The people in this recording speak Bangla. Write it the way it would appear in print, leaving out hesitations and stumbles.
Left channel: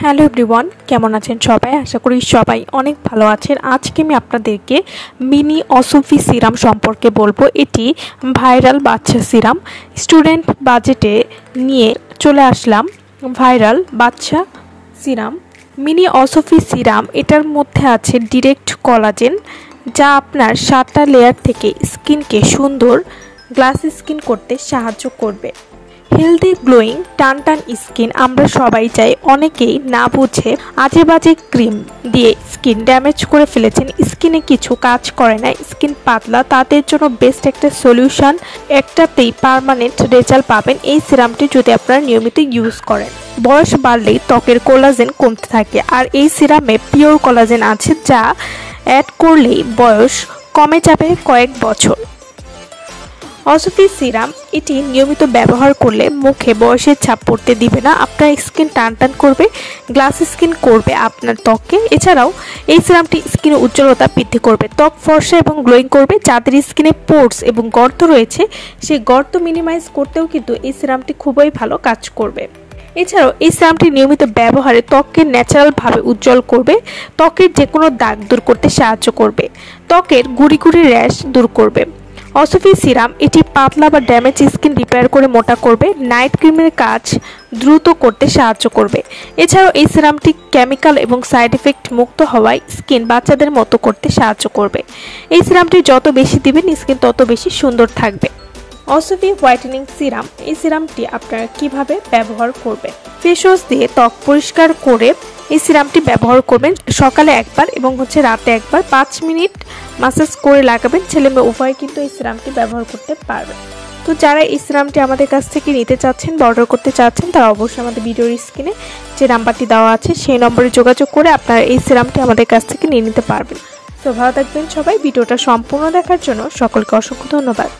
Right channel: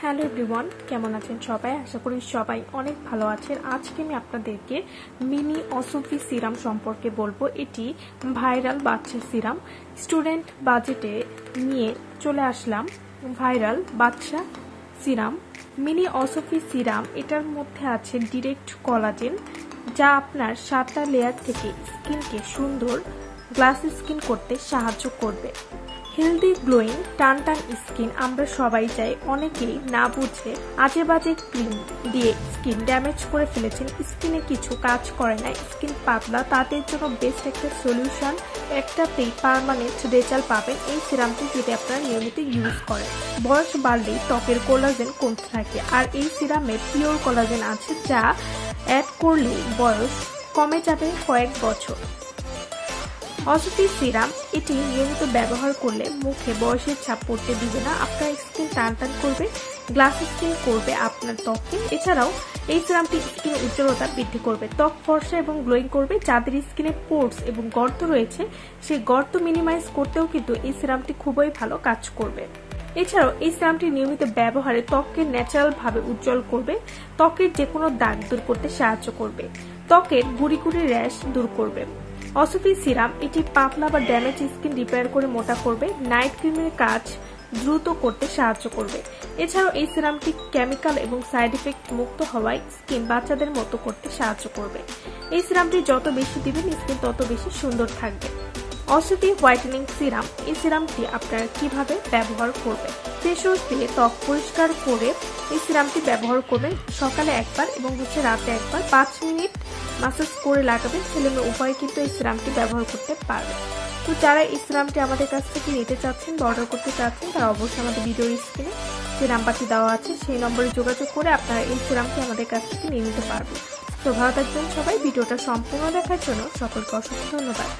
হ্যালো এভরিওয়ান, কেমন আছেন সবাই? আশা করি সবাই অনেক ভালো আছেন। আজকে আমি আপনাদেরকে মিনি অসফি সিরাম সম্পর্কে বলবো। এটি ভাইরাল বাচ্চা সিরাম। স্টুডেন্ট বাজেটে নিয়ে চলে আসলাম ভাইরাল বাচ্চা সিরাম মিনি অসফি সিরাম। এটার মধ্যে আছে ডিরেক্ট কোলাজেন, যা আপনার 7টা লেয়ার থেকে স্কিনকে সুন্দর গ্লাস স্কিন করতে সাহায্য করবে। হেলদি গ্লোয়িং টান টান স্কিন আমরা সবাই চাই। অনেকেই না বুঝে আজে বাজে ক্রিম দিয়ে স্কিন ড্যামেজ করে ফেলেছেন। স্কিনে কিছু কাজ করে না, স্কিন পাতলা, তাদের জন্য বেস্ট একটা সলিউশন। একটাতেই পার্মানেন্ট রেজাল্ট পাবেন এই সিরামটি যদি আপনারা নিয়মিত ইউজ করেন। বয়স বাড়লেই ত্বকের কোলাজেন কমতে থাকে, আর এই সিরামে পিওর কোলাজেন আছে, যা অ্যাড করলেই বয়স কমে যাবে কয়েক বছর। অসফি সিরাম এটি নিয়মিত ব্যবহার করলে মুখে বয়সের ছাপ পড়তে দিবে না, আপনার স্কিন টান টান করবে, গ্লাস স্কিন করবে আপনার ত্বককে। এছাড়াও এই সিরামটি স্কিনের উজ্জ্বলতা বৃদ্ধি করবে, ত্বক ফর্সা এবং গ্লোয়িং করবে। যাদের স্কিনে পোর্স এবং গর্ত রয়েছে, সেই গর্ত মিনিমাইজ করতেও কিন্তু এই সিরামটি খুবই ভালো কাজ করবে। এছাড়াও এই সিরামটি নিয়মিত ব্যবহারে ত্বককে ন্যাচারালভাবে উজ্জ্বল করবে, ত্বকের যে কোনো দাগ দূর করতে সাহায্য করবে, ত্বকের গুড়ি গুড়ি র্যাশ দূর করবে। অসফি সিরাম এটি পাতলা বা ড্যামেজ স্কিন রিপেয়ার করে মোটা করবে, নাইট ক্রিমের কাজ দ্রুত করতে সাহায্য করবে। এছাড়াও এই সিরামটি কেমিক্যাল এবং সাইড এফেক্ট মুক্ত হওয়ায় স্কিন বাচ্চাদের মতো করতে সাহায্য করবে। এই সিরামটি যত বেশি দিবেন স্কিন তত বেশি সুন্দর থাকবে। অসফি হোয়াইটেনিং সিরাম, এই সিরামটি আপনারা কিভাবে ব্যবহার করবেন? ফেস ওয়াশ দিয়ে ত্বক পরিষ্কার করে এই সিরামটি ব্যবহার করবেন। সকালে একবার এবং রাতে একবার 5 মিনিট মাসাজ করে লাগাবেন। ছেলে মেয়ে উভয় কিন্তু এই সিরামটি ব্যবহার করতে পারবে। তো যারা এই সিরামটি আমাদের কাছ থেকে নিতে চাচ্ছেন বা অর্ডার করতে চাচ্ছেন, তারা অবশ্যই আমাদের ভিডিওর স্ক্রিনে যে নাম্বারটি দেওয়া আছে সেই নম্বরে যোগাযোগ করে আপনারা এই সিরামটি আমাদের কাছ থেকে নিয়ে নিতে পারবেন। তো ভালো থাকবেন সবাই। ভিডিওটা সম্পূর্ণ দেখার জন্য সকলকে অসংখ্য ধন্যবাদ।